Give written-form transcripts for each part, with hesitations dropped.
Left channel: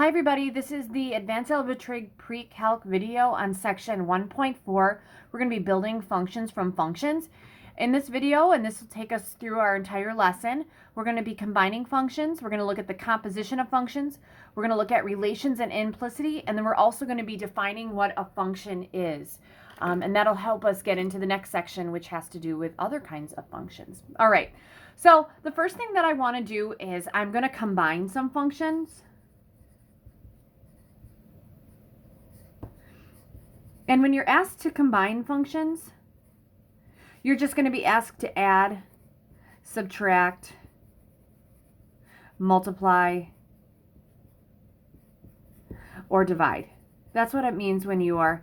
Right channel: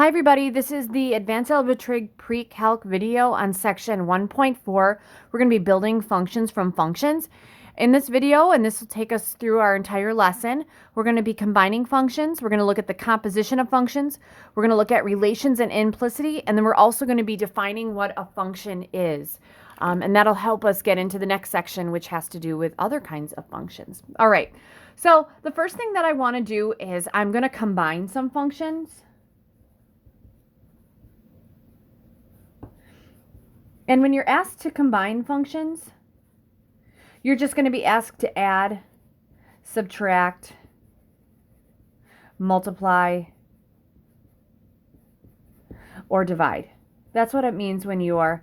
Hi everybody, this is the Advanced Algebra Trig Pre-Calc video on section 1.4. We're going to be building functions from functions. In this video, and this will take us through our entire lesson, we're going to be combining functions. We're going to look at the composition of functions. We're going to look at relations and implicity, and then we're also going to be defining what a function is. And that'll help us get into the next section, which has to do with other kinds of functions. All right, so the first thing that I want to do is I'm going to combine some functions. And when you're asked to combine functions, you're just going to be asked to add, subtract, multiply, or divide. That's what it means when you are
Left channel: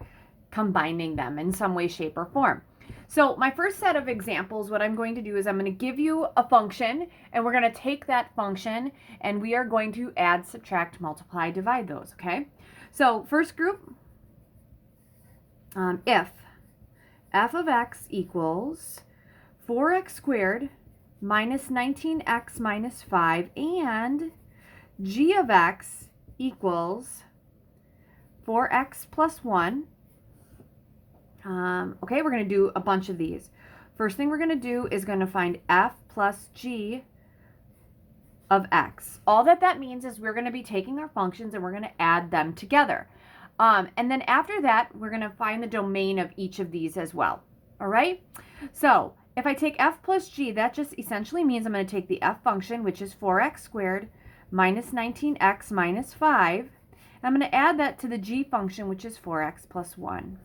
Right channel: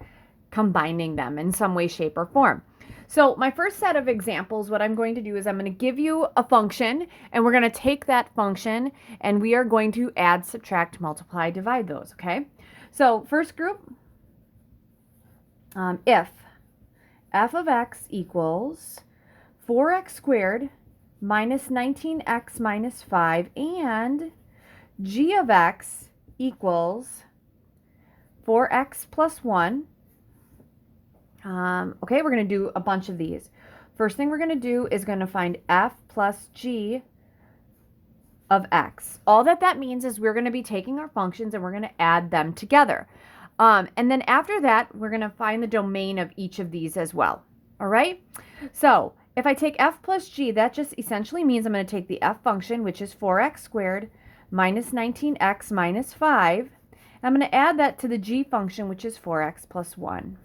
combining them in some way, shape, or form. So my first set of examples, what I'm going to do is I'm going to give you a function, and we're going to take that function, and we are going to add, subtract, multiply, divide those, okay? So first group, if f of x equals 4x squared minus 19x minus 5 and g of x equals 4x plus 1. Okay, we're going to do a bunch of these. First thing we're going to do is going to find f plus g of x. All that means is we're going to be taking our functions and we're going to add them together. And then after that, we're going to find the domain of each of these as well. All right? So if I take f plus g, that just essentially means I'm going to take the f function, which is 4x squared minus 19x minus 5. And I'm going to add that to the g function, which is 4x plus 1.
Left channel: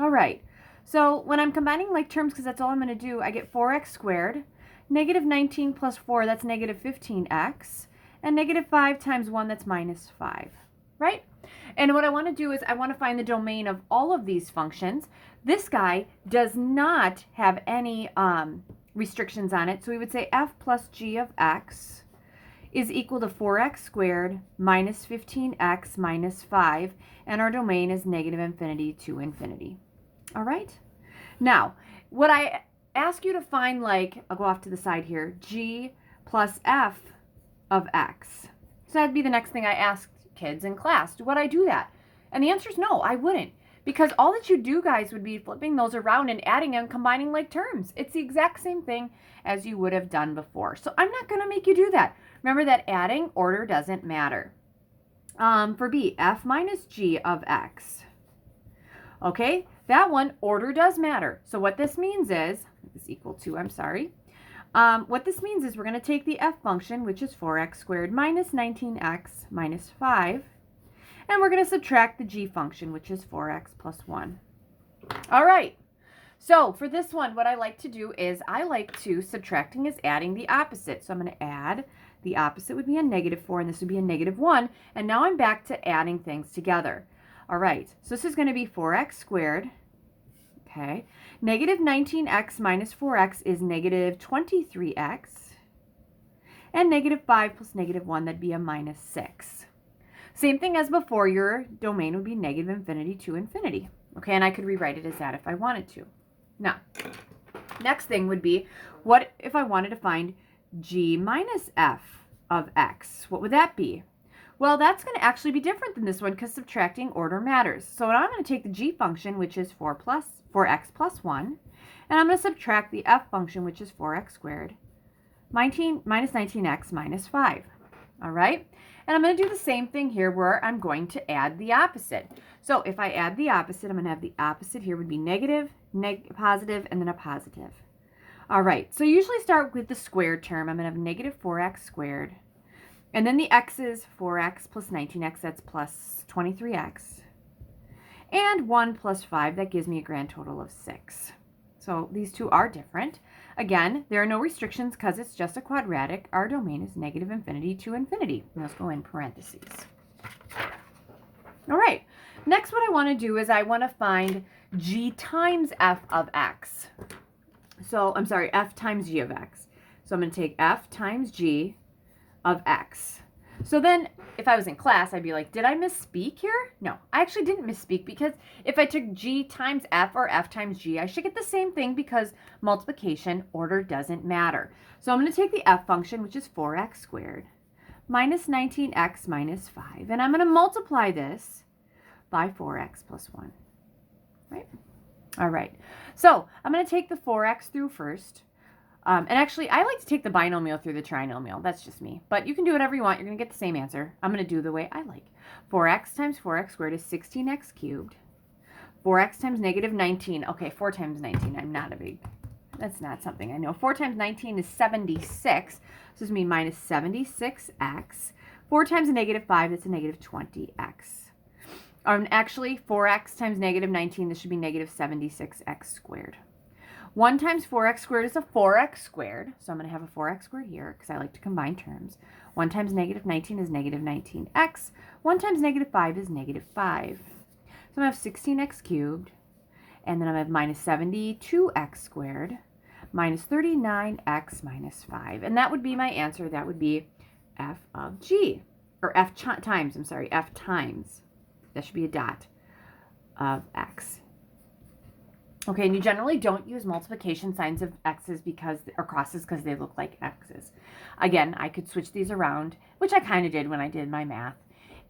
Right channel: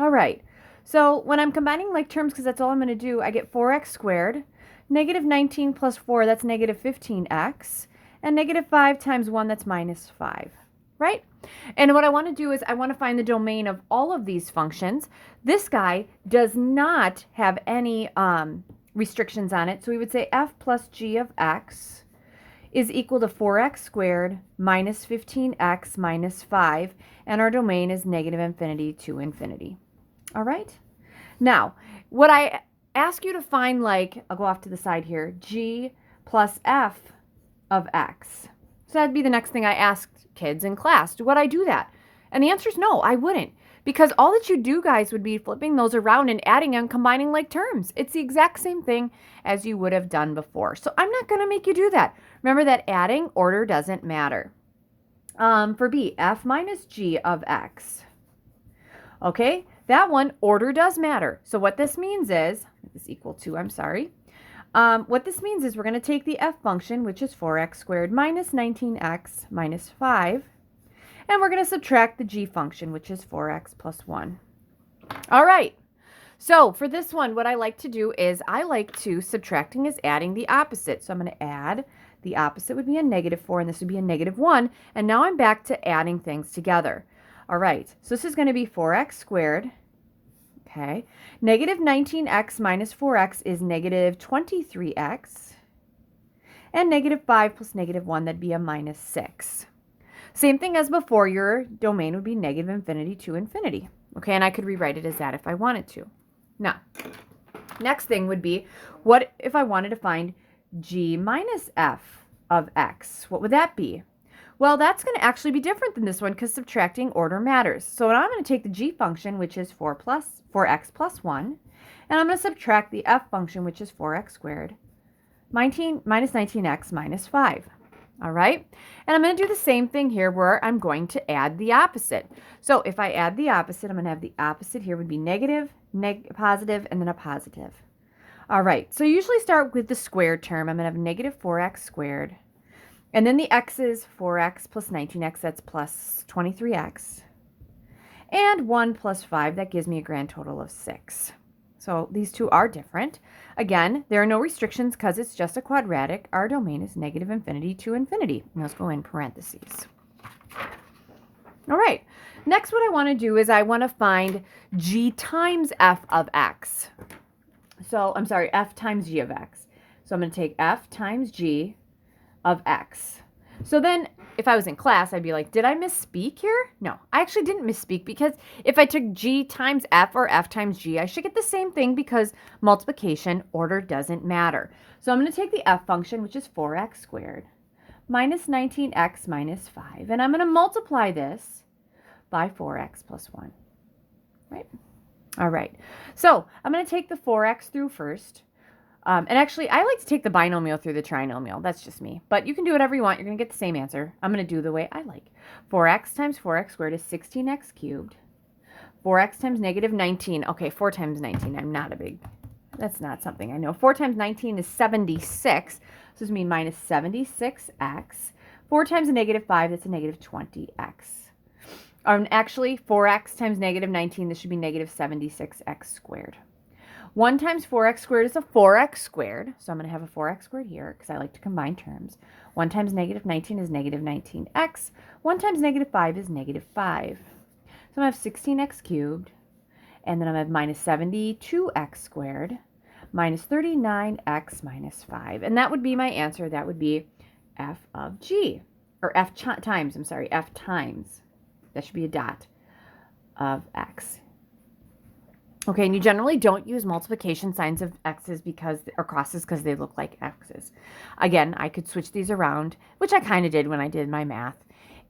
All right. So when I'm combining like terms, because that's all I'm going to do, I get 4x squared. Negative 19 plus 4, that's negative 15x. And negative 5 times 1, that's minus 5. Right? And what I want to do is I want to find the domain of all of these functions. This guy does not have any restrictions on it. So we would say f plus g of x is equal to 4x squared minus 15x minus 5. And our domain is negative infinity to infinity. All right? Now, what I ask you to find, like, I'll go off to the side here, g plus f of x. So that'd be the next thing I asked kids in class. Would I do that? And the answer is no, I wouldn't. Because all that you do, guys, would be flipping those around and adding and combining like terms. It's the exact same thing as you would have done before. So I'm not going to make you do that. Remember that adding order doesn't matter. For B, f minus g of x. Okay, that one, order does matter. So what this means is, is equal to, what this means is we're going to take the f function, which is 4x squared minus 19x minus 5, and we're going to subtract the g function, which is 4x plus 1. All right. So for this one, what I like to do is I like to, subtracting is adding the opposite. So I'm going to add, the opposite would be a negative 4, and this would be a negative 1. And now I'm back to adding things together. All right. So this is going to be 4x squared. Okay. Negative 19x minus 4x is negative 23x. And negative 5 plus negative 1, that'd be a minus 6. Same thing as before, your domain would be negative infinity to infinity. Okay, and I could rewrite it as that if I wanted to. Now, next thing would be, what if I wanted to find g minus f of x? What would that be? Well, that's going to actually be different than this one because subtracting order matters. So I'm going to take the g function, which is 4x plus 1, and I'm going to subtract the f function, which is 4x squared, minus 19x minus 5. All right? And I'm going to do the same thing here where I'm going to add the opposite. So if I add the opposite, I'm going to have the opposite here would be negative, positive, and then a positive. All right, so usually start with the squared term. I'm going to have negative 4x squared. And then the x is 4x plus 19x, that's plus 23x. And 1 plus 5, that gives me a grand total of 6. So these two are different. Again, there are no restrictions because it's just a quadratic. Our domain is negative infinity to infinity. And those go in parentheses. All right. Next, what I want to do is I want to find g times f of x. So, f times g of x. So I'm going to take f times g of x. So then, if I was in class, I'd be like, did I misspeak here? No, I actually didn't misspeak because if I took g times f or f times g, I should get the same thing because multiplication order doesn't matter. So I'm going to take the f function, which is 4x squared, minus 19x minus 5. And I'm going to multiply this by 4x plus 1. Right? All right. So I'm going to take the 4x through first. And actually, I like to take the binomial through the trinomial. That's just me. But you can do whatever you want. You're going to get the same answer. I'm going to do the way I like. 4x times 4x squared is 16x cubed. 4x times negative 19. Okay, 4 times 19. That's not something I know. 4 times 19 is 76. So this is me minus 76x. 4 times a negative 5, that's a negative 20x. Actually, 4x times negative 19, this should be negative 76x squared. 1 times 4x squared is a 4x squared. So I'm going to have a 4x squared here because I like to combine terms. 1 times negative 19 is negative 19x. 1 times negative 5 is negative 5. So I'm going to have 16x cubed. And then I'm going to have minus 72x squared minus 39x minus 5. And that would be my answer. That would be f of g. Or f times, f times. That should be a dot of x. Okay, and you generally don't use multiplication signs of x's or crosses because they look like x's. Again, I could switch these around, which I kind of did when I did my math,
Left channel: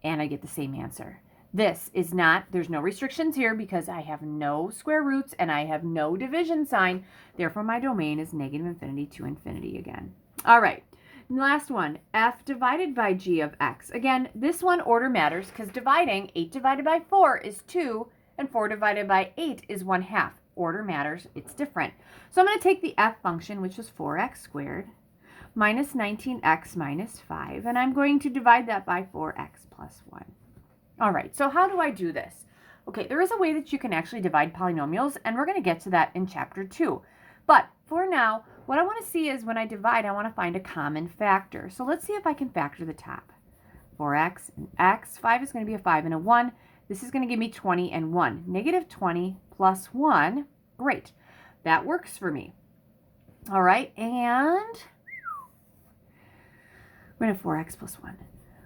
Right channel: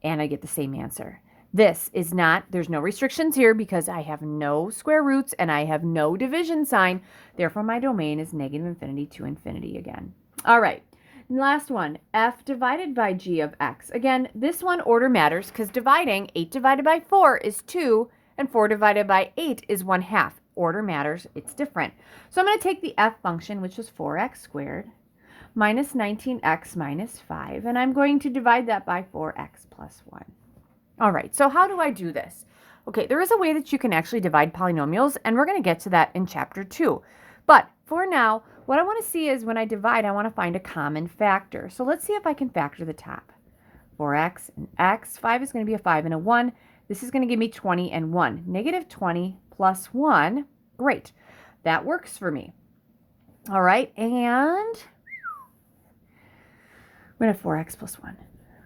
and I get the same answer. This is not, there's no restrictions here because I have no square roots and I have no division sign. Therefore, my domain is negative infinity to infinity again. All right, last one, f divided by g of x. Again, this one order matters because dividing 8 divided by 4 is 2 and 4 divided by 8 is 1/2. Order matters, it's different. So I'm going to take the f function, which is 4x squared, minus 19x minus 5, and I'm going to divide that by 4x plus 1. All right, so how do I do this? Okay, there is a way that you can actually divide polynomials, and we're going to get to that in chapter 2. But for now, what I want to see is when I divide, I want to find a common factor. So let's see if I can factor the top. 4x and x, 5 is going to be a 5 and a 1. This is going to give me 20 and 1. Negative 20 plus 1. Great. That works for me. All right, and we're going to have 4x plus 1,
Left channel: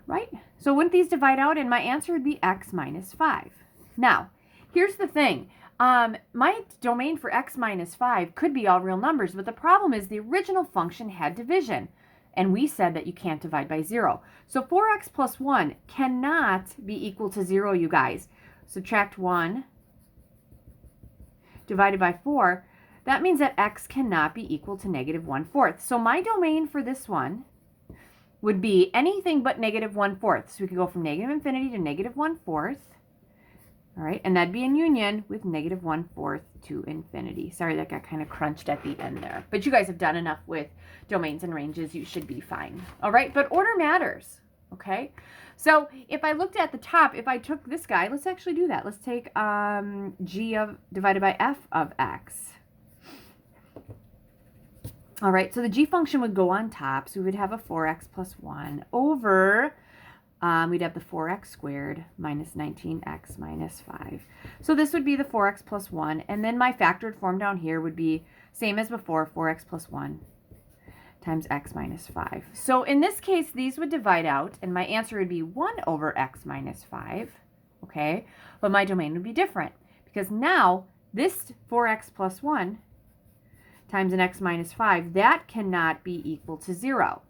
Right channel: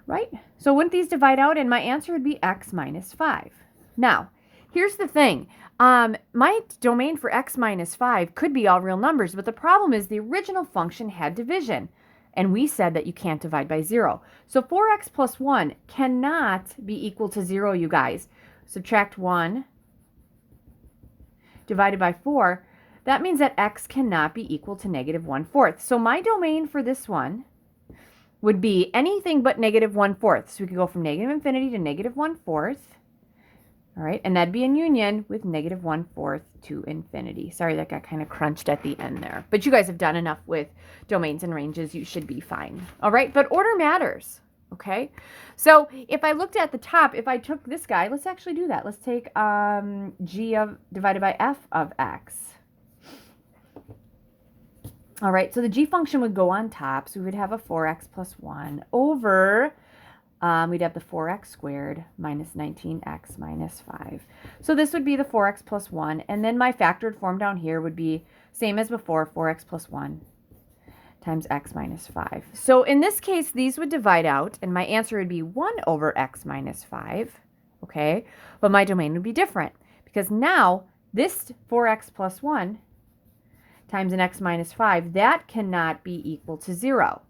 right? So wouldn't these divide out? And my answer would be x minus 5. Now, here's the thing. My domain for x minus 5 could be all real numbers, but the problem is the original function had division. And we said that you can't divide by 0. So 4x plus 1 cannot be equal to 0, you guys. Subtract 1 divided by 4. That means that x cannot be equal to negative 1/4. So my domain for this one would be anything but negative 1/4. So we could go from negative infinity to negative 1/4. All right, and that'd be in union with negative 1/4 to infinity. Sorry, that got kind of crunched at the end there. But you guys have done enough with domains and ranges. You should be fine. All right, but order matters, okay? So if I looked at the top, if I took this guy, let's actually do that. Let's take g divided by f of x. All right, so the g function would go on top. So we would have a 4x plus 1 over... we'd have the 4x squared minus 19x minus 5. So this would be the 4x plus 1. And then my factored form down here would be same as before, 4x plus 1 times x minus 5. So in this case, these would divide out, and my answer would be 1 over x minus 5. Okay, but my domain would be different because now this 4x plus 1 times an x minus 5, that cannot be equal to 0.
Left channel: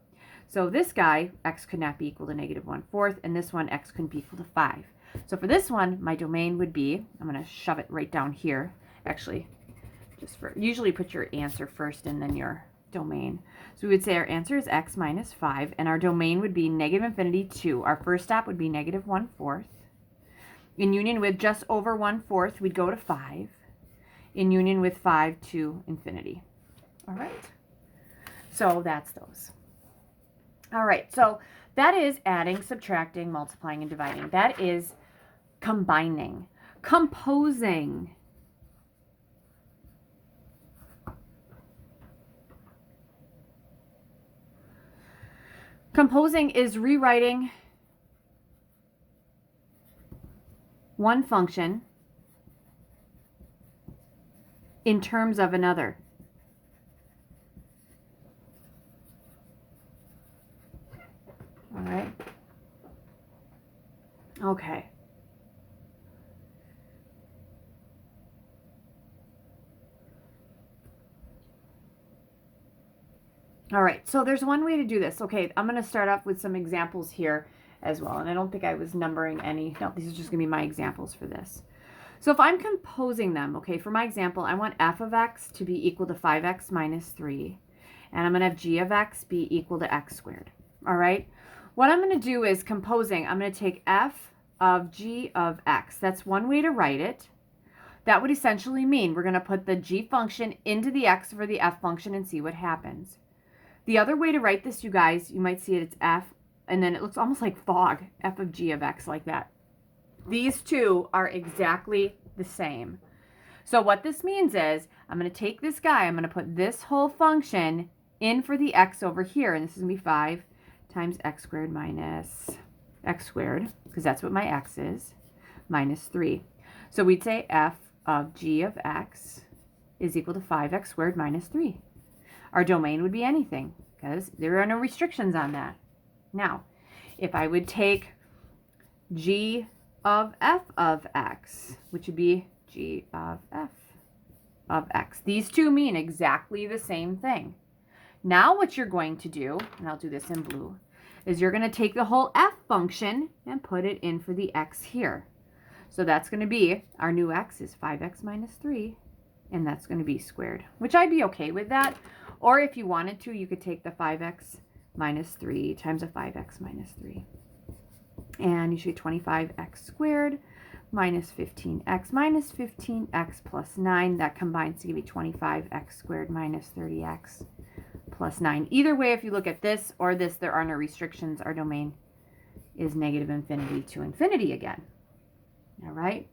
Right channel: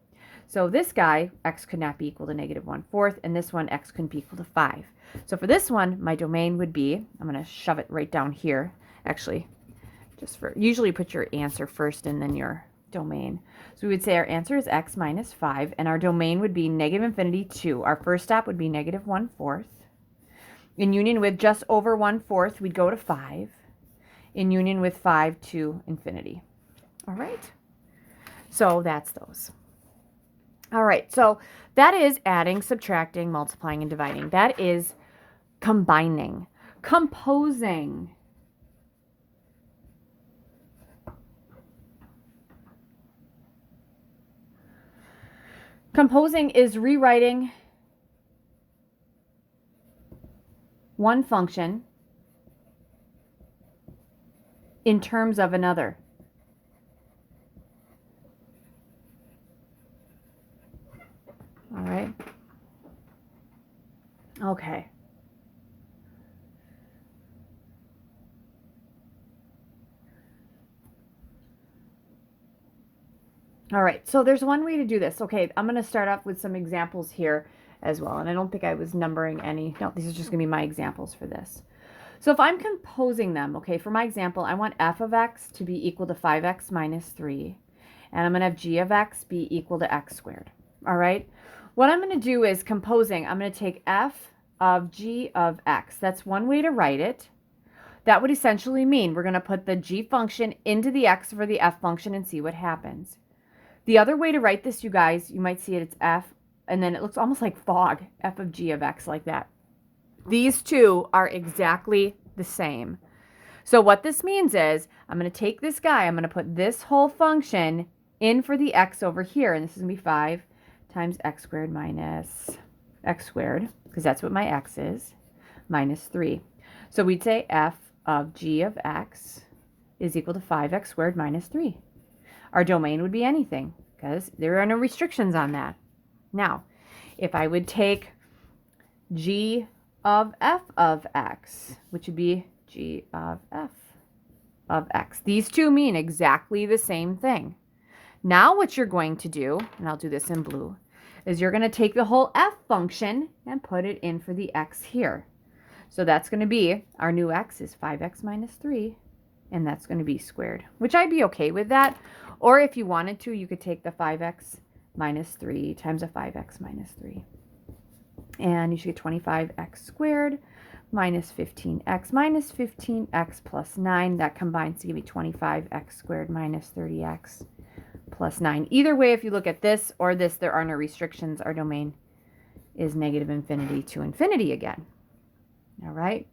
So this guy, x could not be equal to negative 1/4, and this one, x couldn't be equal to 5. So for this one, my domain would be, I'm going to shove it right down here, actually, usually put your answer first and then your domain. So we would say our answer is x minus 5, and our domain would be negative infinity 2. Our first stop would be negative 1/4. In union with just over 1/4, we'd go to 5. In union with 5 to infinity. All right. So that's those. All right, so that is adding, subtracting, multiplying, and dividing. That is combining, composing. Composing is rewriting one function in terms of another. All right. Okay. All right, so there's one way to do this. Okay, I'm going to start off with some examples here as well. And I don't think I was numbering any. No, these are just going to be my examples for this. So if I'm composing them, okay, for my example, I want f of x to be equal to 5x minus 3. And I'm going to have g of x be equal to x squared. All right, what I'm going to do is composing. I'm going to take f of g of x. That's one way to write it. That would essentially mean we're going to put the g function into the x for the f function and see what happens. The other way to write this, you guys, you might see it, it's f, and then it looks almost like fog, f of g of x, like that. These two are exactly the same. So what this means is I'm going to take this guy, I'm going to put this whole function in for the x over here, and this is going to be 5 times x squared minus x squared, because that's what my x is, minus 3. So we'd say f of g of x is equal to 5x squared minus 3. Our domain would be anything, because there are no restrictions on that. Now, if I would take g of f of x, which would be g of f of x. These two mean exactly the same thing. Now what you're going to do, and I'll do this in blue, is you're going to take the whole f function and put it in for the x here. So that's going to be, our new x is 5x minus 3, and that's going to be squared, which I'd be okay with that. Or if you wanted to, you could take the 5x minus 3 times a 5x minus 3. And you should get 25x squared minus 15x plus 9. That combines to give you 25x squared minus 30x plus 9. Either way, if you look at this or this, there are no restrictions. Our domain is negative infinity to infinity again. All right.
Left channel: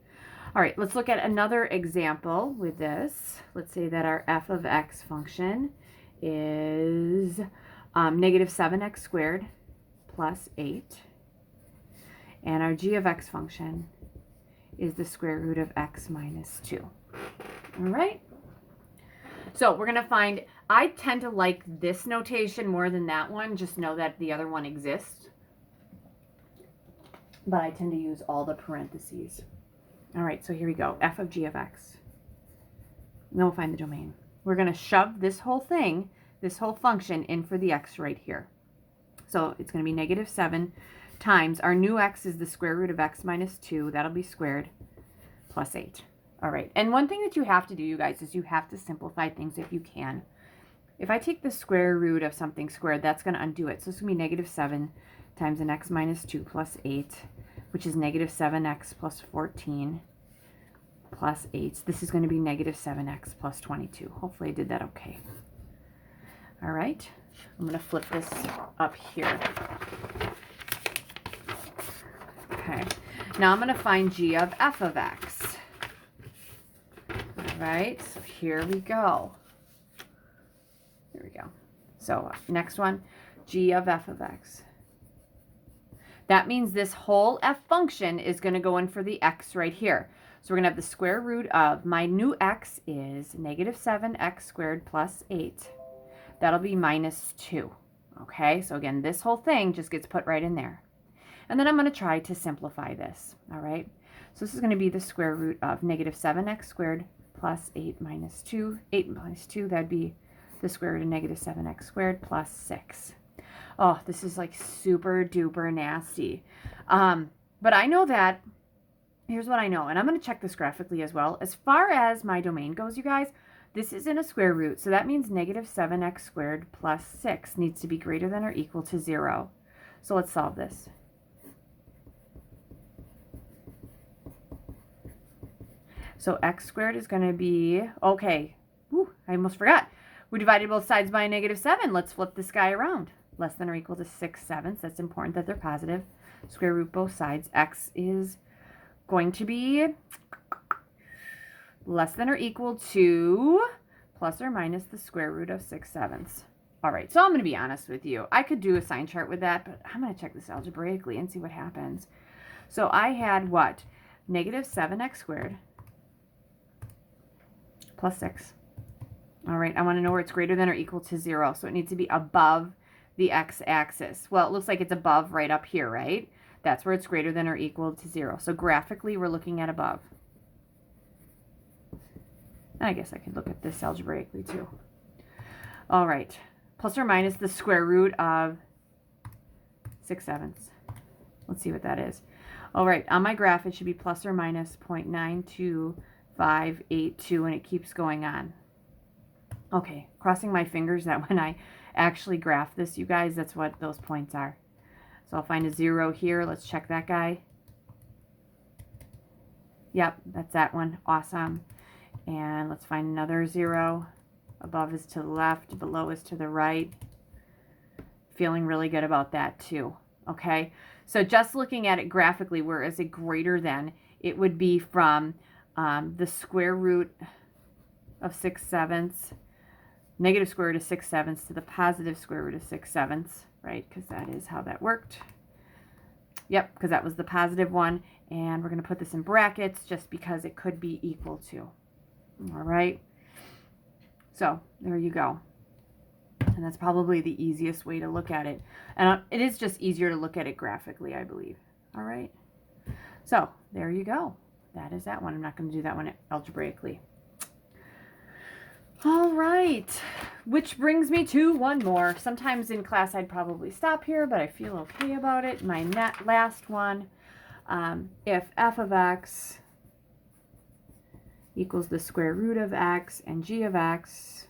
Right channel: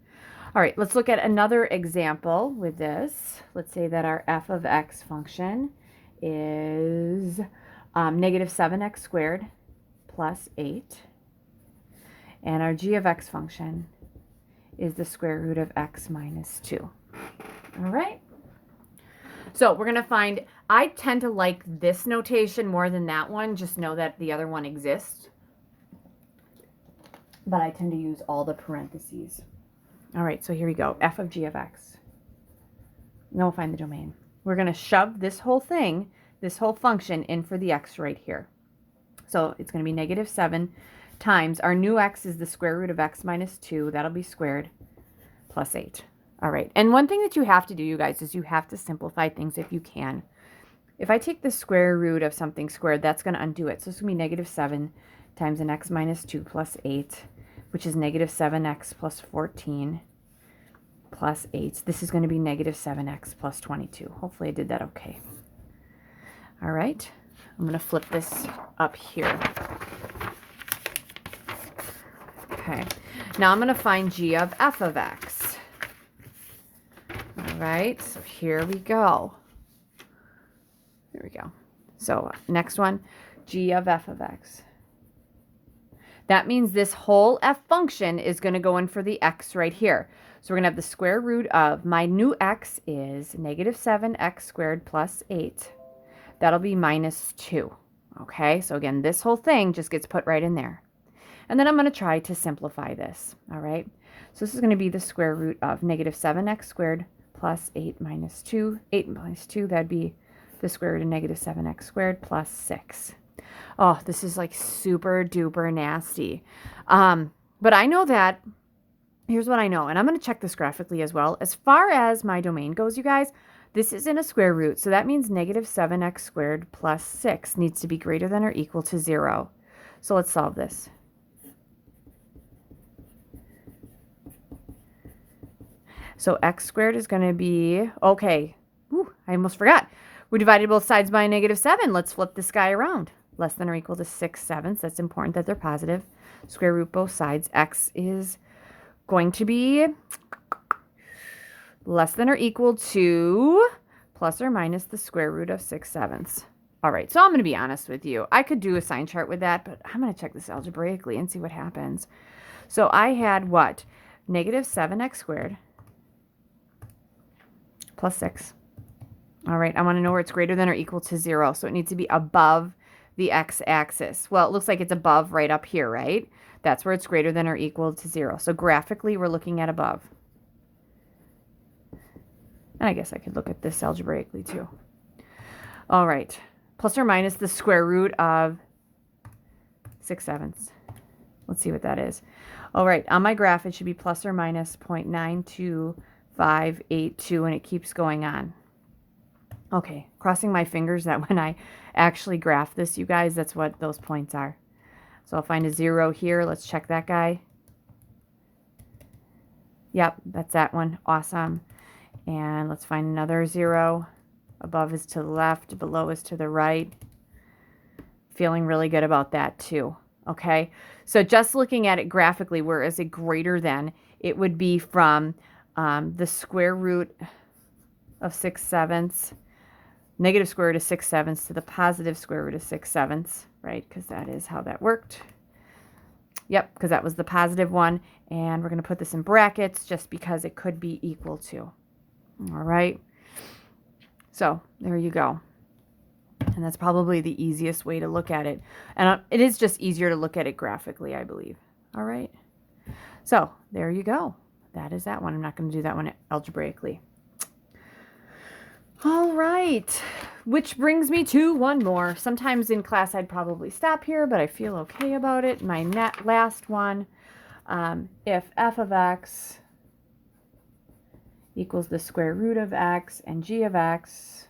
All right, let's look at another example with this. Let's say that our f of x function is negative 7x squared plus 8. And our g of x function is the square root of x minus 2. All right? So we're going to find, I tend to like this notation more than that one. Just know that the other one exists. But I tend to use all the parentheses. All right, so here we go. F of g of x. Now we'll find the domain. We're going to shove this whole thing, this whole function, in for the x right here. So it's going to be negative 7 times, our new x is the square root of x minus 2. That'll be squared plus 8. All right, and one thing that you have to do, you guys, is you have to simplify things if you can. If I take the square root of something squared, that's going to undo it. So it's going to be negative 7 times an x minus 2 plus 8, which is negative 7x plus 14 plus 8. This is going to be negative 7x plus 22. Hopefully I did that okay. All right, I'm going to flip this up here. Okay, now I'm going to find g of f of x. All right, so here we go. There we go. So next one, g of f of x. That means this whole f function is going to go in for the x right here. So we're going to have the square root of, my new x is negative 7x squared plus 8. That'll be minus 2. Okay, so again, this whole thing just gets put right in there. And then I'm going to try to simplify this. All right, so this is going to be the square root of negative 7x squared plus 8 minus 2. 8 minus 2, that'd be the square root of negative 7x squared plus 6. Oh, this is like super duper nasty. But I know that, here's what I know, and I'm going to check this graphically as well. As far as my domain goes, you guys, this is in a square root, so that means negative 7x squared plus 6 needs to be greater than or equal to 0. So let's solve this. So x squared is going to be, okay, ooh, I almost forgot. We divided both sides by a negative 7. Let's flip this guy around. Less than or equal to 6/7. That's important that they're positive. Square root both sides. X is going to be less than or equal to plus or minus the square root of 6/7. All right, so I'm going to be honest with you. I could do a sign chart with that, but I'm going to check this algebraically and see what happens. So I had what? Negative 7x squared plus 6. All right, I want to know where it's greater than or equal to 0. So it needs to be above the x-axis. Well, it looks like it's above right up here, right? That's where it's greater than or equal to 0. So graphically, we're looking at above. And I guess I could look at this algebraically too. All right, plus or minus the square root of 6/7. Let's see what that is. All right, on my graph, it should be plus or minus 0.92582, and it keeps going on. Okay, crossing my fingers that when I actually graph this, you guys, that's what those points are. So I'll find a 0 here. Let's check that guy. Yep, that's that one. Awesome. And let's find another 0. Above is to the left, below is to the right. Feeling really good about that too. Okay, so just looking at it graphically, where is it greater than, it would be from the square root of 6/7, negative square root of 6/7 to the positive square root of 6/7, right? Because that is how that worked. Yep, because that was the positive one. And we're going to put this in brackets just because it could be equal to. All right. So there you go. And that's probably the easiest way to look at it. And it is just easier to look at it graphically, I believe. All right. So there you go. That is that one. I'm not going to do that one algebraically. All right. Which brings me to one more. Sometimes in class I'd probably stop here, but I feel okay about it. My last one. If f of x equals the square root of x and g of x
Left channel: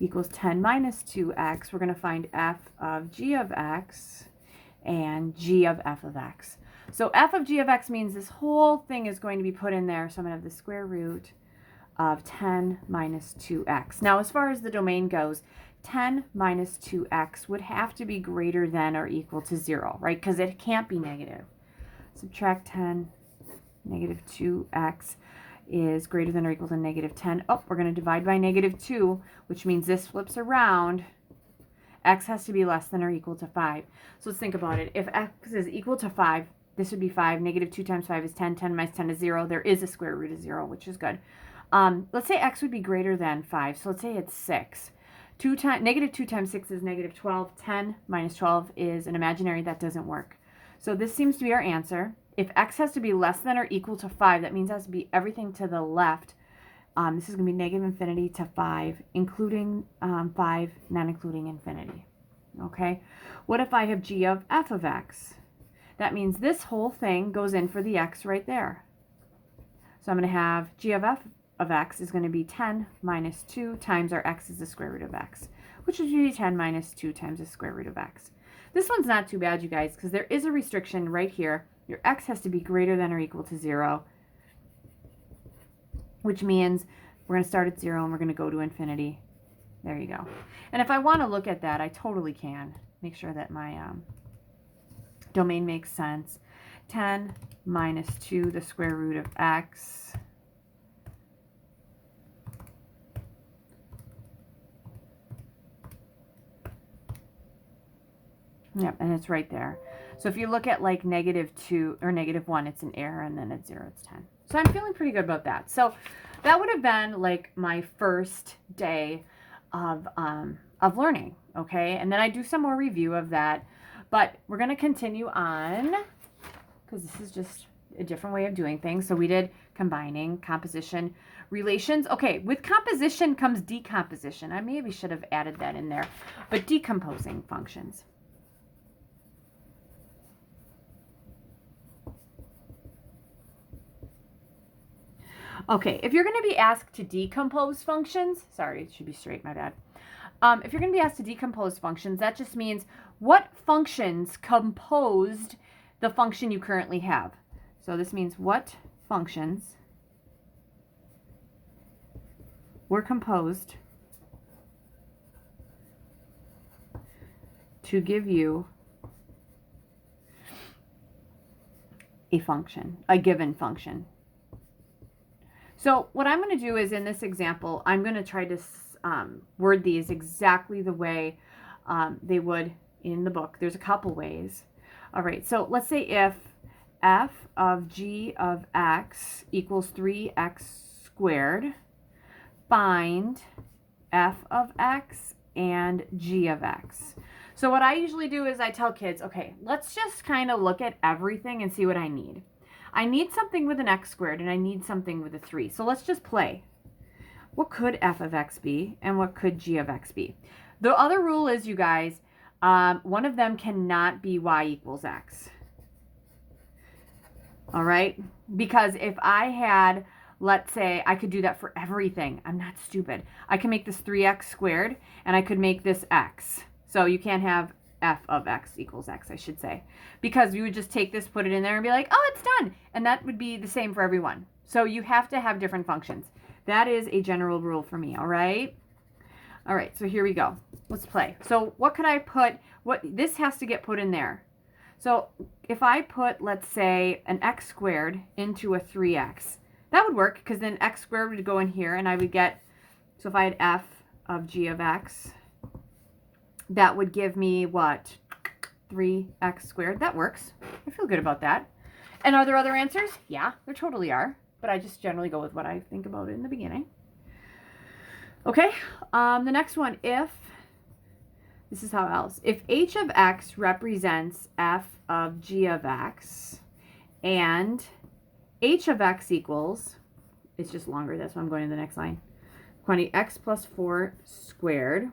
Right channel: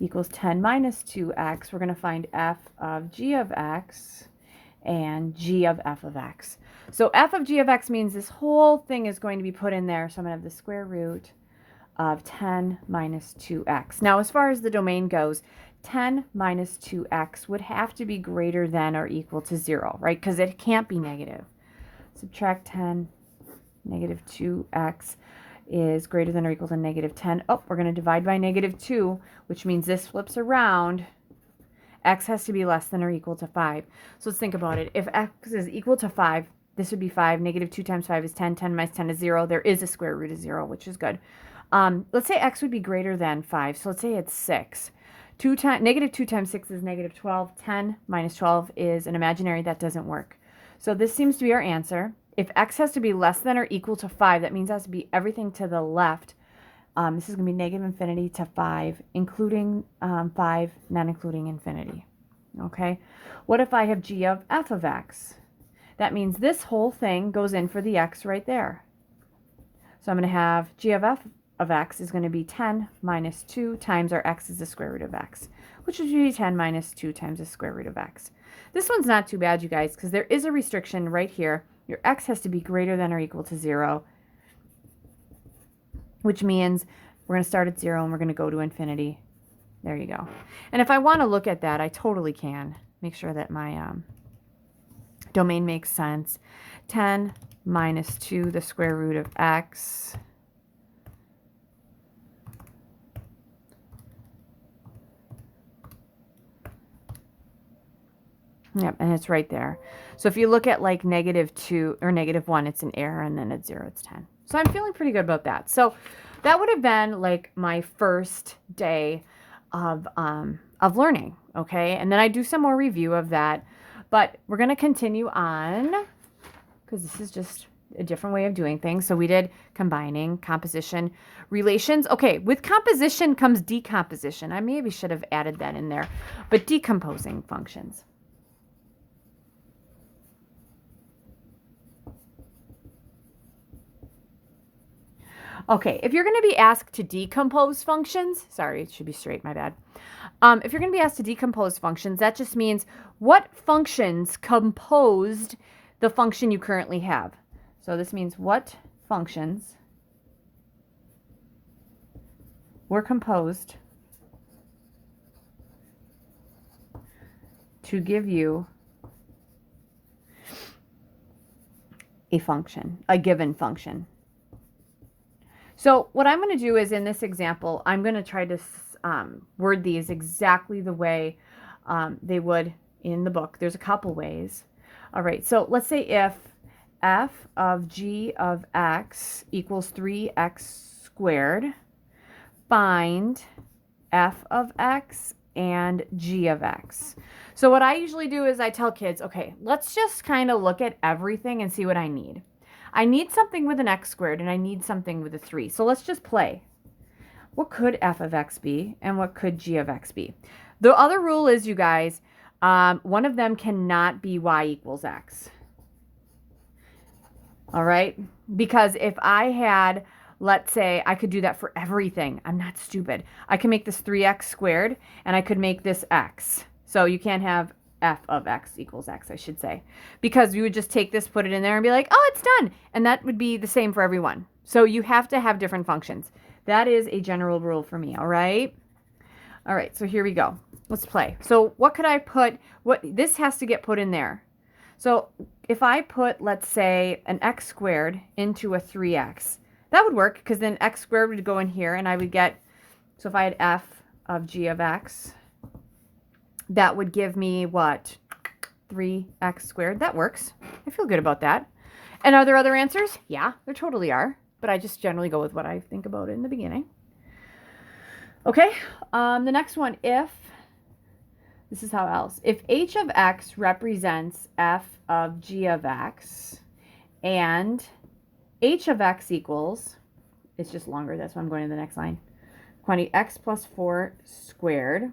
equals 10 minus 2x, we're going to find f of g of x and g of f of x. So f of g of x means this whole thing is going to be put in there. So I'm going to have the square root of 10 minus 2x. Now, as far as the domain goes, 10 minus 2x would have to be greater than or equal to 0, right? Because it can't be negative. Subtract 10, negative 2x is greater than or equal to negative 10. Oh, we're going to divide by negative 2, which means this flips around. X has to be less than or equal to 5. So let's think about it. If x is equal to 5, this would be 5. Negative 2 times 5 is 10. 10 minus 10 is 0. There is a square root of 0, which is good. Let's say x would be greater than 5. So let's say it's 6. Negative 2 times 6 is negative 12. 10 minus 12 is an imaginary. That doesn't work. So this seems to be our answer. If x has to be less than or equal to 5, that means it has to be everything to the left. This is going to be negative infinity to 5, including 5, not including infinity. Okay? What if I have g of f of x? That means this whole thing goes in for the x right there. So I'm going to have g of f of x is going to be 10 minus 2 times our x is the square root of x, which would be 10 minus 2 times the square root of x. This one's not too bad, you guys, because there is a restriction right here. Your x has to be greater than or equal to 0, which means we're going to start at 0 and we're going to go to infinity. There you go. And if I want to look at that, I totally can. Make sure that my domain makes sense. 10 minus 2, the square root of x. Yep, and it's right there. So if you look at like negative 2 or negative 1, it's an error, and then at 0, it's 10. So I'm feeling pretty good about that. So that would have been like my first day of learning, okay? And then I do some more review of that. But we're going to continue on because this is just a different way of doing things. So we did combining, composition, relations. Okay, with composition comes decomposition. I maybe should have added that in there. But decomposing functions. Okay, if you're going to be asked to decompose functions, sorry, it should be straight, my bad. If you're going to be asked to decompose functions, that just means what functions composed the function you currently have. So this means what functions were composed to give you a function, a given function. So what I'm going to do is in this example, I'm going to try to word these exactly the way they would in the book. There's a couple ways. All right, so let's say if f of g of x equals 3x squared, find f of x and g of x. So what I usually do is I tell kids, okay, let's just kind of look at everything and see what I need. I need something with an x squared, and I need something with a 3. So let's just play. what could f of x be and what could g of x be? The other rule is, you guys, one of them cannot be y equals x. All right? Because if I had, let's say, I could do that for everything. I'm not stupid. I can make this 3x squared, and I could make this x. So you can't have f of x equals x, I should say. Because you would just take this, put it in there, and be like, oh, it's done. And that would be the same for everyone. So you have to have different functions. That is a general rule for me, all right? All right, so here we go. Let's play. So what could I put? This has to get put in there. So if I put, let's say, an x squared into a 3x, that would work, because then x squared would go in here, and I would get, so if I had f of g of x, that would give me what? 3x squared. That works. I feel good about that. And are there other answers? Yeah, there totally are. But I just generally go with what I think about it in the beginning. Okay, the next one, this is how else. If h of x represents f of g of x, and h of x equals, it's just longer, that's why I'm going to the next line, quantity x plus 4 squared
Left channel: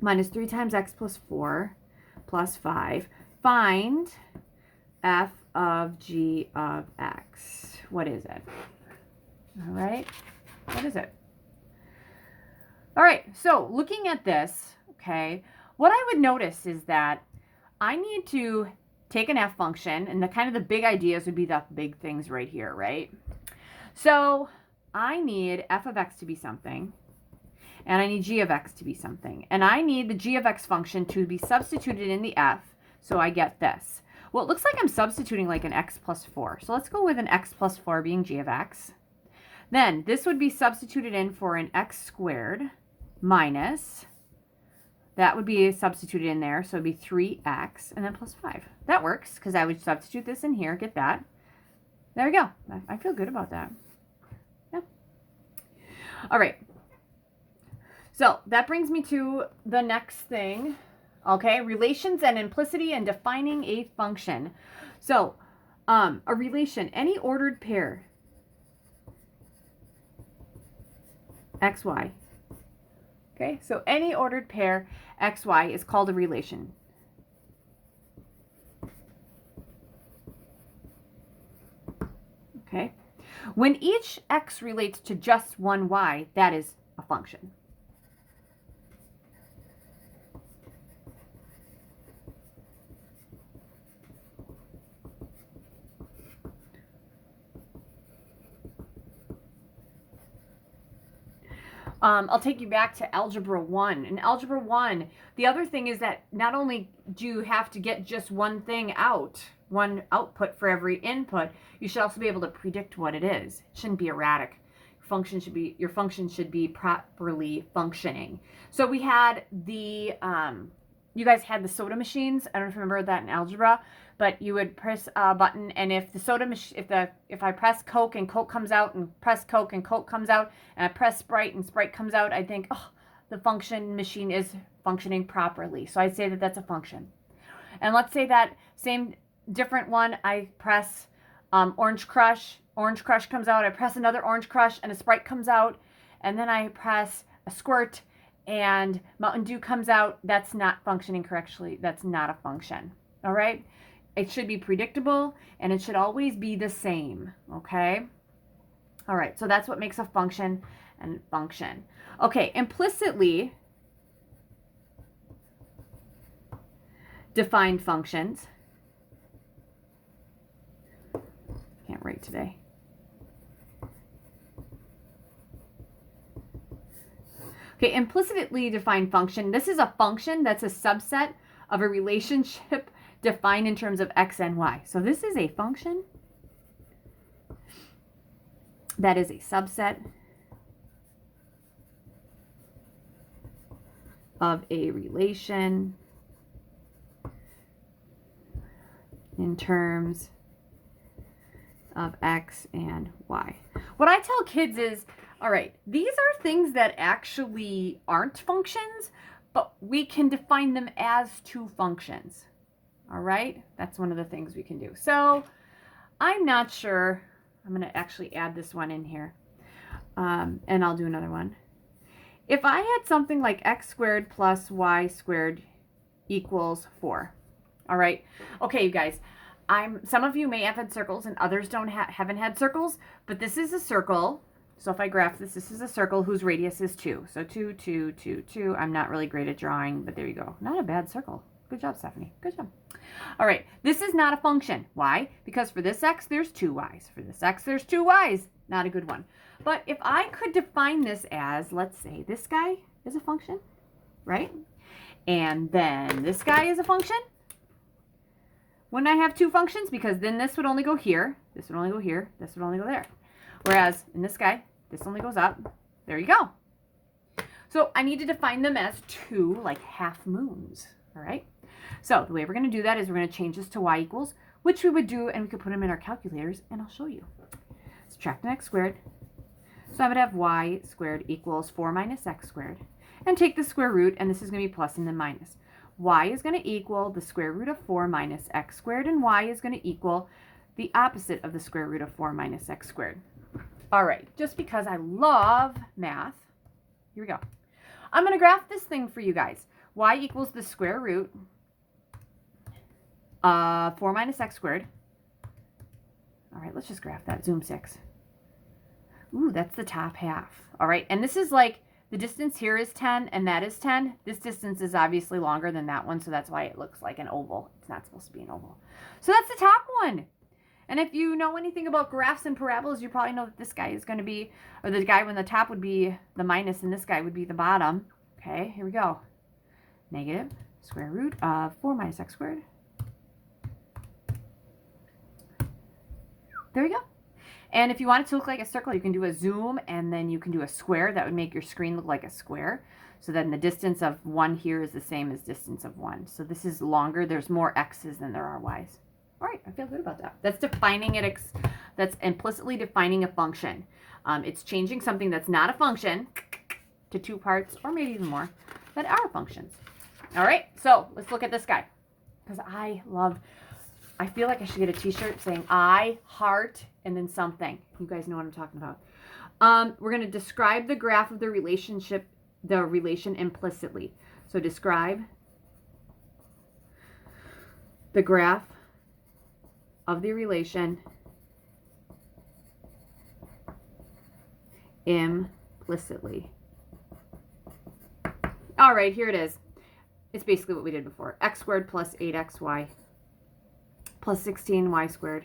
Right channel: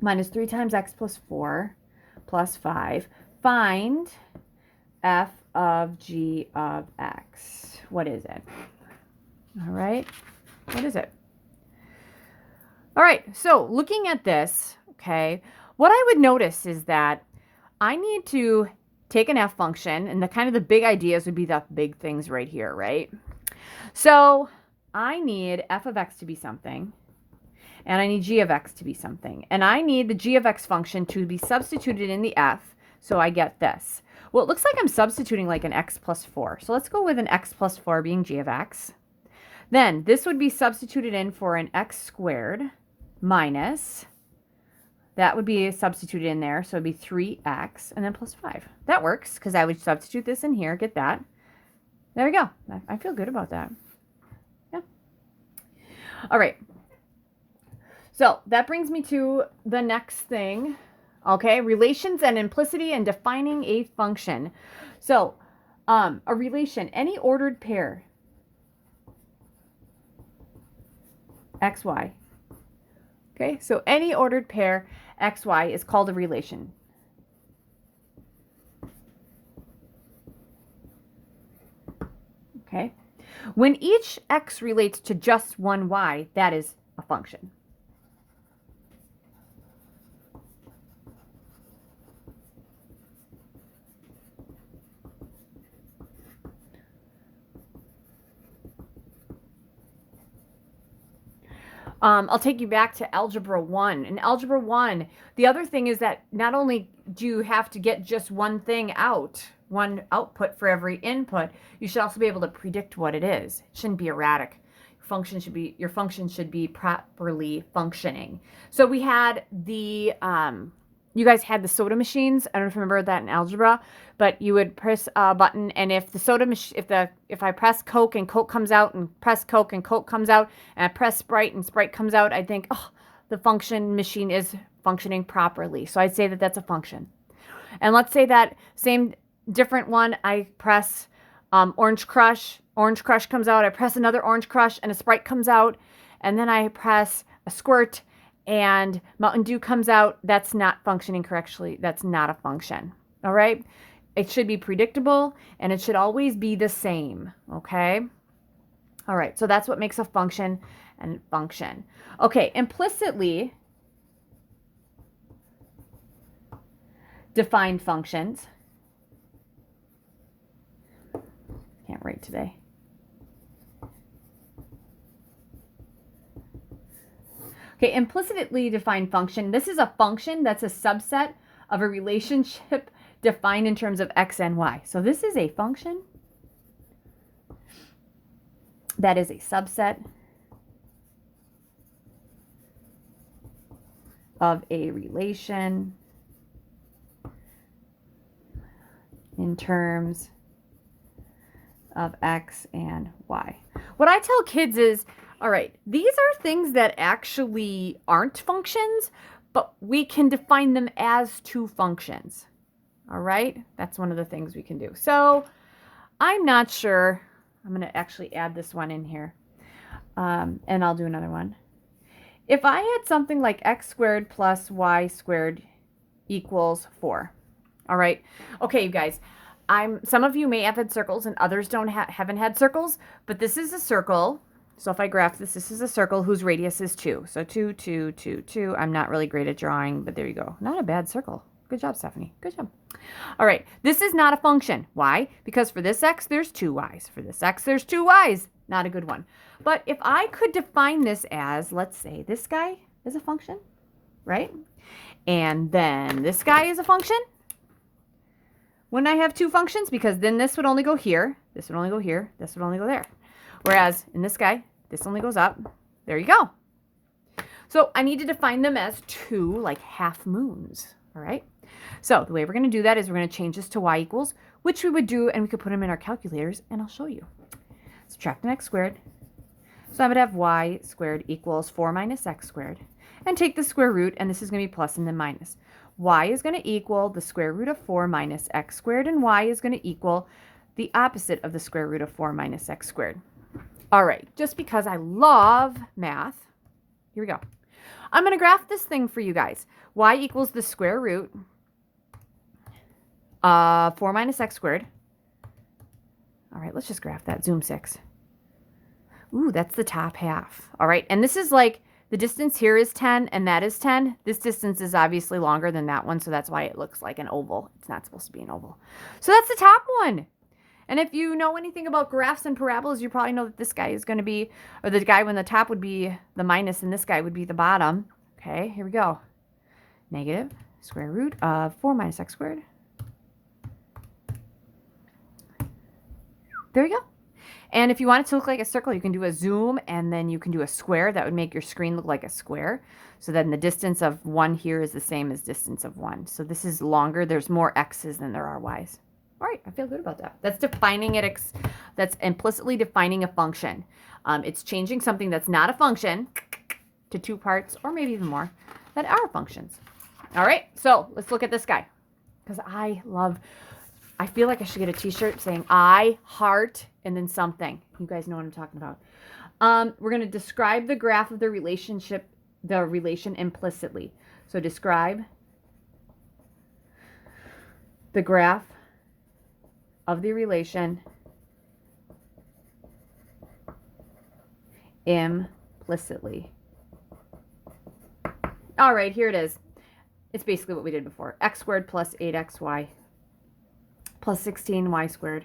minus 3 times x plus 4 plus 5. Find f of g of x. What is it? All right, what is it? All right, so looking at this, okay, what I would notice is that I need to take an f function, and the kind of the big ideas would be the big things right here, right? So I need f of x to be something, and I need g of x to be something, and I need the g of x function to be substituted in the f, so I get this. Well, it looks like I'm substituting like an x plus 4, so let's go with an x plus 4 being g of x. Then this would be substituted in for an x squared minus, that would be substituted in there, so it'd be 3x and then plus 5. That works, because I would substitute this in here, get that. There we go. I feel good about that. Yeah. All right. So that brings me to the next thing. Okay, relations and implicity and defining a function. So a relation, any ordered pair, xy. Okay, so any ordered pair xy is called a relation. Okay, when each x relates to just one y, that is a function. I'll take you back to Algebra 1. In Algebra 1, the other thing is that not only do you have to get just one thing out, one output for every input, you should also be able to predict what it is. It shouldn't be erratic. Your function should be properly functioning. So we had the, you guys had the soda machines. I don't know if you remember that in algebra, but you would press a button, and if the soda machine, if I press Coke and Coke comes out, and press Coke and Coke comes out, and I press Sprite and Sprite comes out, I think, oh, the function machine is functioning properly. So I'd say that that's a function. And let's say that same different one, I press Orange Crush comes out, I press another Orange Crush, and a Sprite comes out, and then I press a Squirt, and Mountain Dew comes out. That's not functioning correctly. That's not a function. All right? It should be predictable, and it should always be the same. Okay? All right, so that's what makes a function and function. Okay, implicitly defined functions. Can't write today. Okay, implicitly defined function. This is a function that's a subset of a relationship defined in terms of x and y. So this is a function that is a subset of a relation in terms of x and y. What I tell kids is, all right, these are things that actually aren't functions, but we can define them as two functions. All right, that's one of the things we can do. So I'm not sure, I'm going to actually add this one in here. And I'll do another one. If I had something like x squared plus y squared equals 4. All right. Okay, you guys. Some of you may have had circles and others haven't had circles, but this is a circle. So if I graph this, this is a circle whose radius is 2. So 2, 2, 2, 2. I'm not really great at drawing, but there you go. Not a bad circle. Good job, Stephanie. Good job. All right. This is not a function. Why? Because for this x, there's 2 y's. For this x, there's 2 y's. Not a good one. But if I could define this as, let's say, this guy is a function, right? And then this guy is a function. Wouldn't I have 2 functions? Because then this would only go here, this would only go here, this would only go there. Whereas in this guy, this only goes up. There you go. So I need to define them as 2 like half moons, all right? So the way we're going to do that is we're going to change this to y equals, which we would do, and we could put them in our calculators, and I'll show you. Subtract an x squared. So I would have y squared equals 4 minus x squared. And take the square root, and this is going to be plus and then minus. Y is going to equal the square root of 4 minus x squared, and y is going to equal the opposite of the square root of 4 minus x squared. All right, just because I love math, here we go. I'm going to graph this thing for you guys. Y equals the square root of 4 minus x squared. All right, let's just graph that. Zoom 6. Ooh, that's the top half. All right, and this is like, the distance here is 10 and that is 10. This distance is obviously longer than that one, so that's why it looks like an oval. It's not supposed to be an oval. So that's the top one. And if you know anything about graphs and parabolas, you probably know that this guy is going to be, or the guy when the top would be the minus and this guy would be the bottom. Okay, here we go. Negative square root of 4 minus x squared. There you go. And if you want it to look like a circle, you can do a zoom and then you can do a square. That would make your screen look like a square. So then the distance of 1 here is the same as distance of 1. So this is longer. There's more x's than there are y's. All right, I feel good about that. That's defining it. That's implicitly defining a function. It's changing something that's not a function to 2 parts or maybe even more that are functions. All right, so let's look at this guy because I feel like I should get a t-shirt saying I, heart, and then something. You guys know what I'm talking about. We're going to describe the graph of the relation implicitly. So describe the graph of the relation implicitly. All right, here it is. It's basically what we did before. X squared plus 8xy plus 16y squared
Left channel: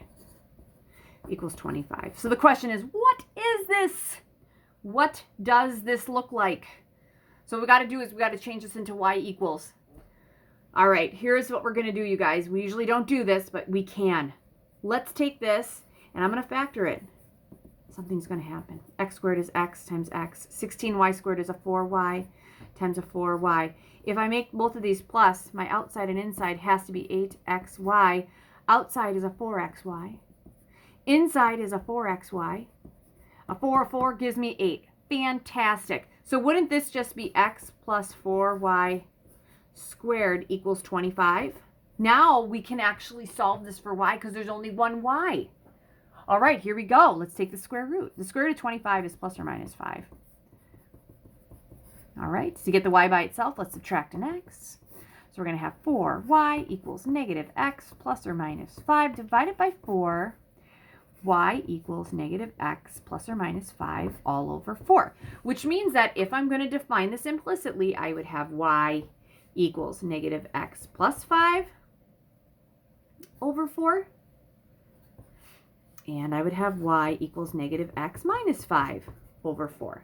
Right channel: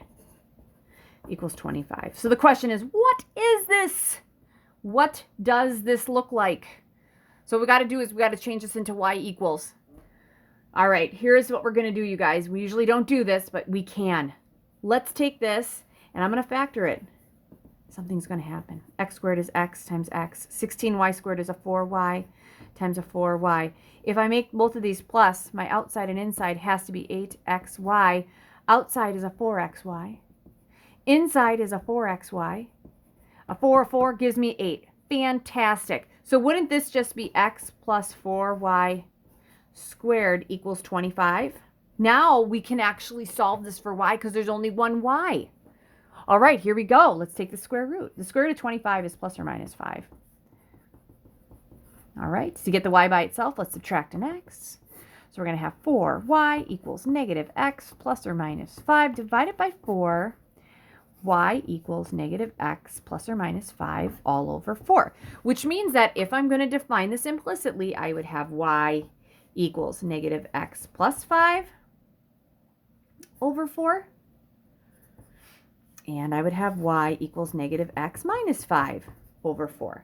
equals 25. So the question is, what is this? What does this look like? So what we got to do is we got to change this into y equals. All right, here's what we're going to do, you guys. We usually don't do this, but we can. Let's take this, and I'm going to factor it. Something's going to happen. X squared is x times x. 16y squared is a 4y times a 4y. If I make both of these plus, my outside and inside has to be 8xy. Outside is a 4xy. Inside is a 4xy. A 4 gives me 8. Fantastic. So wouldn't this just be x plus 4y squared equals 25? Now we can actually solve this for y because there's only one y. All right, here we go. Let's take the square root. The square root of 25 is plus or minus 5. All right, so to get the y by itself, let's subtract an x. So we're going to have 4y equals negative x plus or minus 5 divided by 4. Y equals negative x plus or minus 5 all over 4. Which means that if I'm going to define this implicitly, I would have y equals negative x plus 5 over 4. And I would have y equals negative x minus 5 over 4.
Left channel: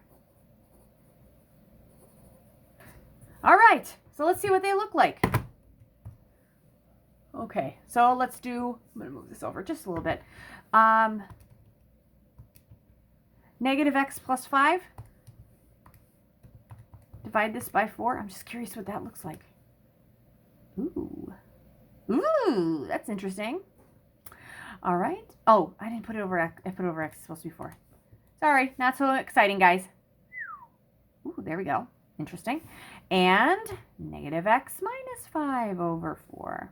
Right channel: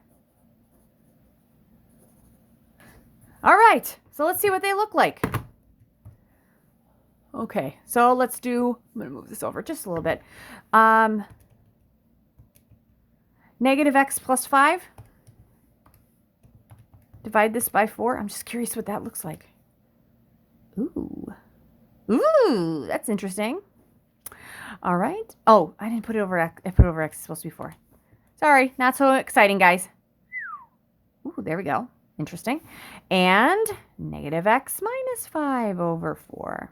All right, so let's see what they look like. Okay, so let's do, I'm going to move this over just a little bit. Negative x plus 5. Divide this by 4. I'm just curious what that looks like. Ooh. Ooh, that's interesting. All right. Oh, I didn't put it over x. I put it over x. It's supposed to be 4. Sorry, not so exciting, guys. Ooh, there we go. Interesting. And negative x minus 5 over 4.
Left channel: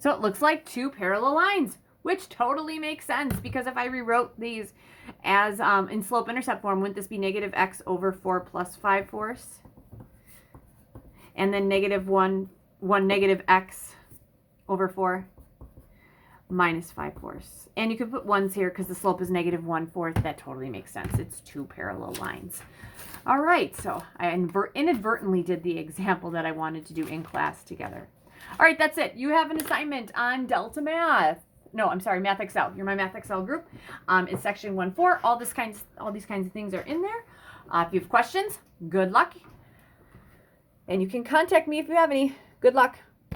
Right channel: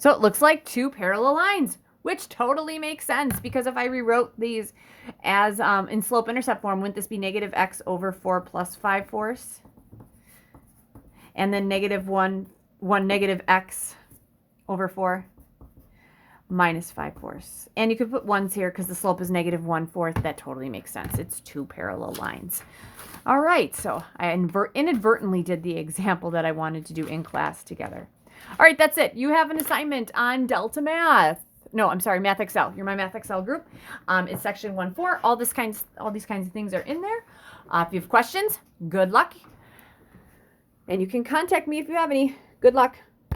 So it looks like two parallel lines, which totally makes sense, because if I rewrote these as in slope-intercept form, wouldn't this be negative x over 4 plus 5/4? And then negative 1 negative x over 4 minus 5/4. And you could put ones here because the slope is negative 1/4. That totally makes sense. It's two parallel lines. All right, so I inadvertently did the example that I wanted to do in class together. All right, that's it. You have an assignment on Delta Math. No, I'm sorry, Math Excel. You're my Math Excel group. It's section 1-4. All these kinds of things are in there. If you have questions, good luck. And you can contact me if you have any. Good luck.